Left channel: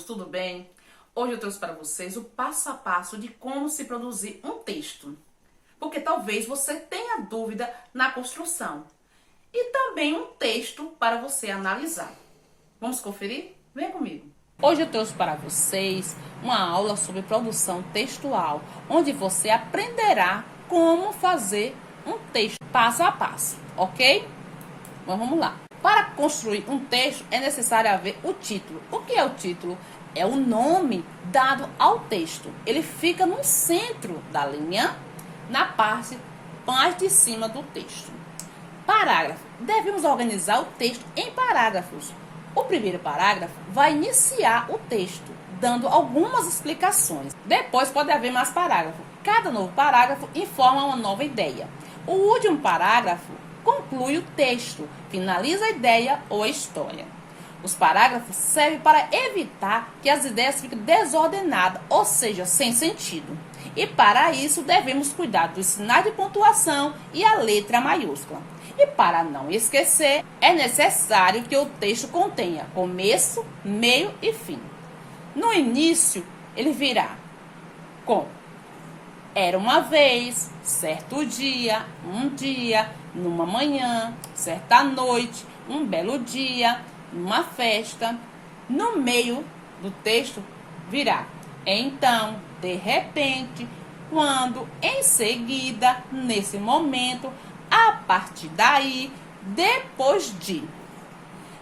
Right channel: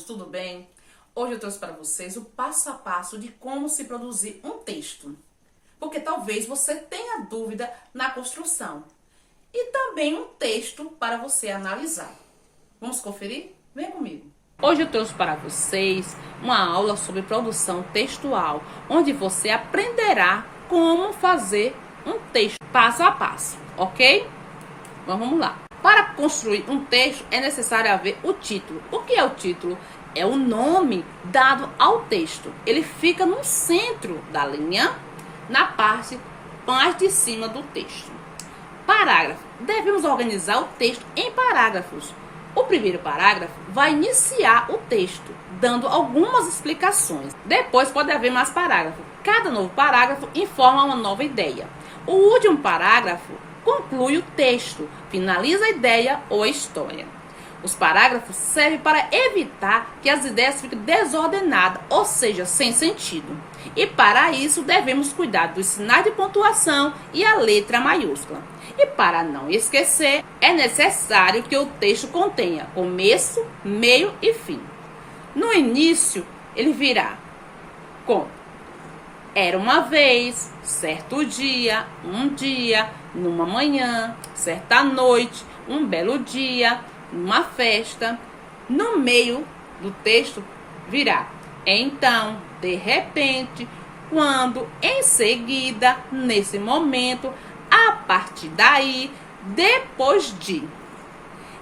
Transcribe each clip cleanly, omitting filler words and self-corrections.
Tudo bem? Hoje eu trouxe para vocês o passo a passo de como se produzir um texto. Porque talvez você tenha dúvida na construção. E também um texto para você analisar. Vamos conferir? Venha comigo. Hoje eu trouxe para vocês uma aula sobre produção textual, onde você aprenderá como fazer um texto passo a passo, ok? Então vamos lá. Para construir um texto é necessário haver o título. O que é o título? É o nome dado ao texto. Ele fica no centro da linha, na parte mais de cima do texto. Parágrafo. Devemos organizar o texto em parágrafos. O primeiro parágrafo vai iniciar o texto, dando algumas explicações. Depois pode haver mais parágrafos. Cada novo parágrafo informa uma nova ideia. O último parágrafo conclui o texto, finaliza a ideia ou a história. Os parágrafos servem para evitar que as ideias fiquem desordenadas, ou seja, sem sentido. E para isso devemos cuidar dos sinais de pontuação e a letra maiúscula. E para não esquecer, é necessário que o texto contenha começo, meio e fim. No início, ele virá com: era uma vez, certo dia, um dia, numa manhã, certa noite, um belo dia, numa festa. No meio do texto virá então, de repente, quando, em seguida, nesse momento, a partir daí, depois de.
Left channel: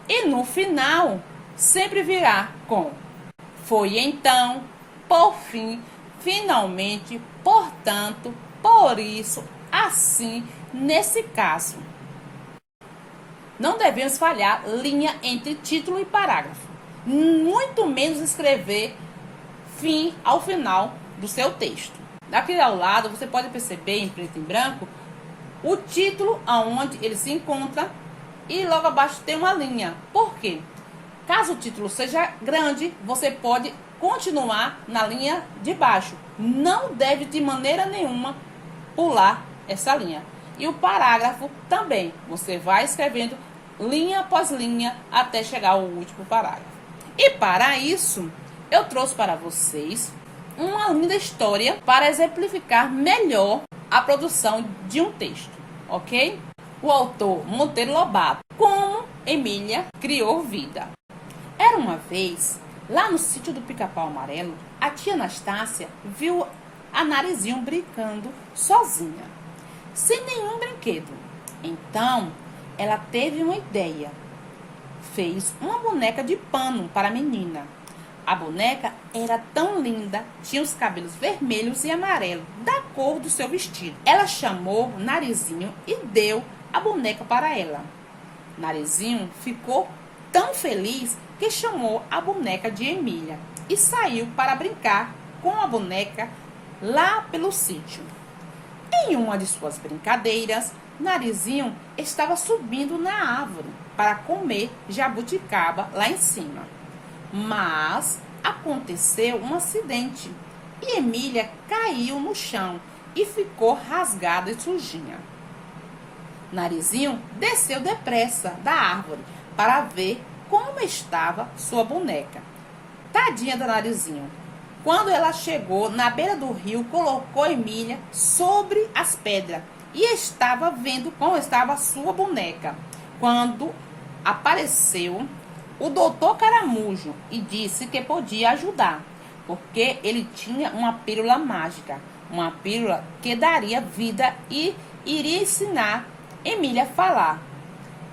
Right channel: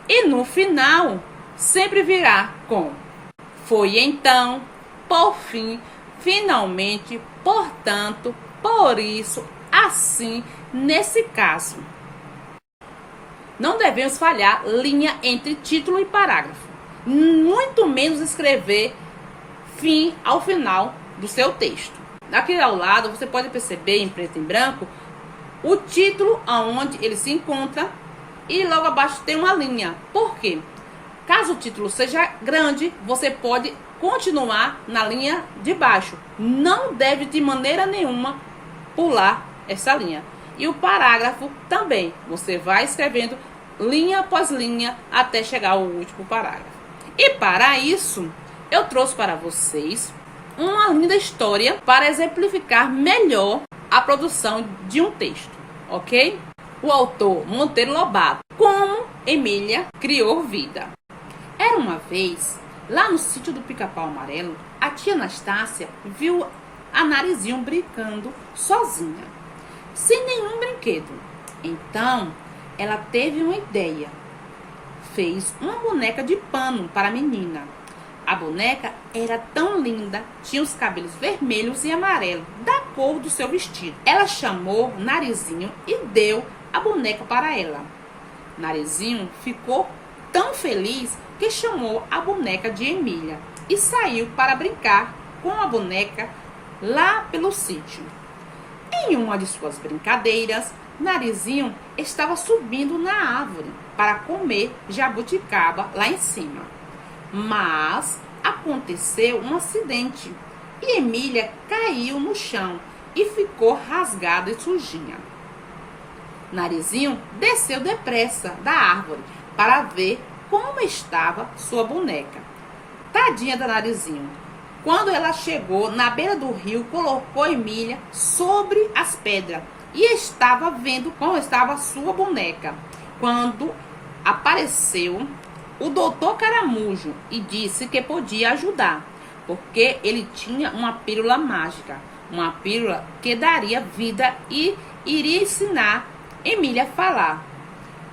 E no final, sempre virá com foi então, por fim, finalmente, portanto, por isso, assim, nesse caso. Não devemos falhar linha entre título e parágrafo, muito menos escrever fim ao final do seu texto. Aqui ao lado, você pode perceber em preto e branco o título aonde ele se encontra e logo abaixo tem uma linha. Por quê? Caso o título seja grande, você pode continuar na linha de baixo. Não deve de maneira nenhuma pular essa linha. E o parágrafo também. Você vai escrevendo linha após linha até chegar ao último parágrafo. E para isso, eu trouxe para vocês uma linda história para exemplificar melhor a produção de um texto, ok? O autor Monteiro Lobato, Como Emília Criou Vida. Era uma vez, lá no sítio do Pica-Pau Amarelo, a tia Anastácia viu a Narizinho brincando sozinha, sem nenhum brinquedo. Então, ela teve uma ideia. Fez uma boneca de pano para a menina. A boneca era tão linda, tinha os cabelos vermelhos e amarelos, da cor do seu vestido. Ela chamou Narizinho e deu a boneca para ela. Narizinho ficou tão feliz que chamou a boneca de Emília e saiu para brincar com a boneca lá pelo sítio. Em uma de suas brincadeiras, Narizinho estava subindo na árvore para comer jabuticaba lá em cima. Mas aconteceu um acidente e Emília caiu no chão e ficou rasgada e sujinha. Narizinho desceu depressa da árvore para ver como estava sua boneca. Tadinha da Narizinho. Quando ela chegou na beira do rio, colocou Emília sobre as pedras e estava vendo como estava sua boneca. Quando apareceu o doutor Caramujo e disse que podia ajudar, porque ele tinha uma pílula mágica, uma pílula que daria vida e iria ensinar Emília a falar.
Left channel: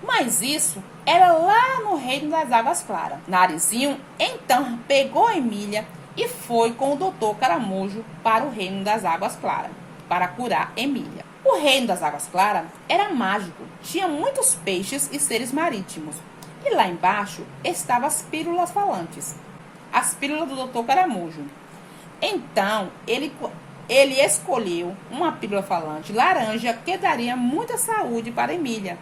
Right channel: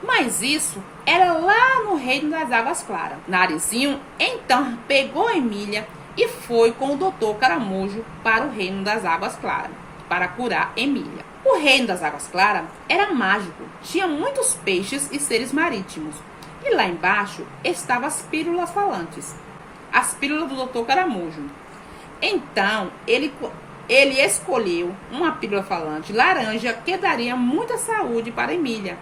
Mas isso era lá no reino das águas claras. Narizinho então pegou Emília e foi com o doutor Caramujo para o reino das águas claras, para curar Emília. O reino das águas claras era mágico, tinha muitos peixes e seres marítimos. E lá embaixo estavam as pílulas falantes, as pílulas do Dr. Caramujo. Então, ele escolheu uma pílula falante laranja que daria muita saúde para Emília.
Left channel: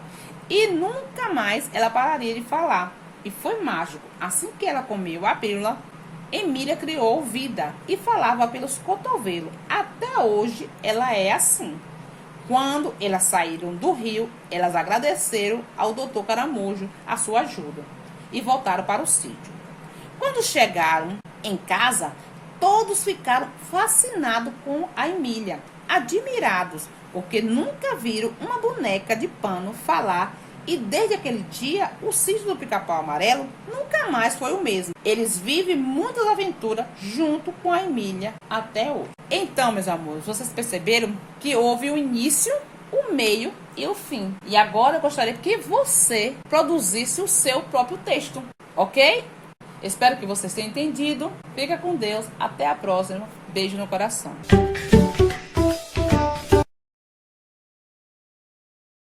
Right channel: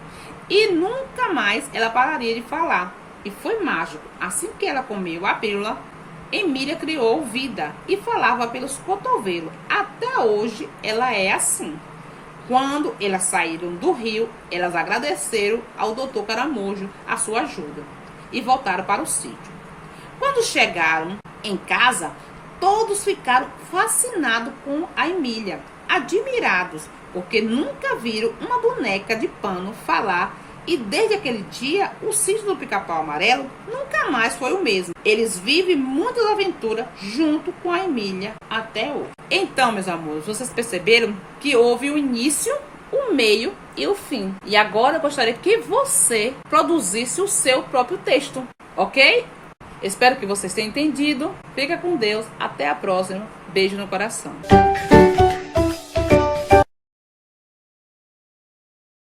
E nunca mais ela pararia de falar. E foi mágico. Assim que ela comeu a pílula, Emília criou vida e falava pelos cotovelos. Até hoje ela é assim. Quando elas saíram do rio, elas agradeceram ao doutor Caramujo a sua ajuda e voltaram para o sítio. Quando chegaram em casa, todos ficaram fascinados com a Emília, admirados, porque nunca viram uma boneca de pano falar. E desde aquele dia, o sítio do Pica-Pau Amarelo nunca mais foi o mesmo. Eles vivem muitas aventuras junto com a Emília até hoje. Então, meus amores, vocês perceberam que houve o início, o meio e o fim. E agora eu gostaria que você produzisse o seu próprio texto, ok? Espero que vocês tenham entendido. Fica com Deus. Até a próxima. Beijo no coração.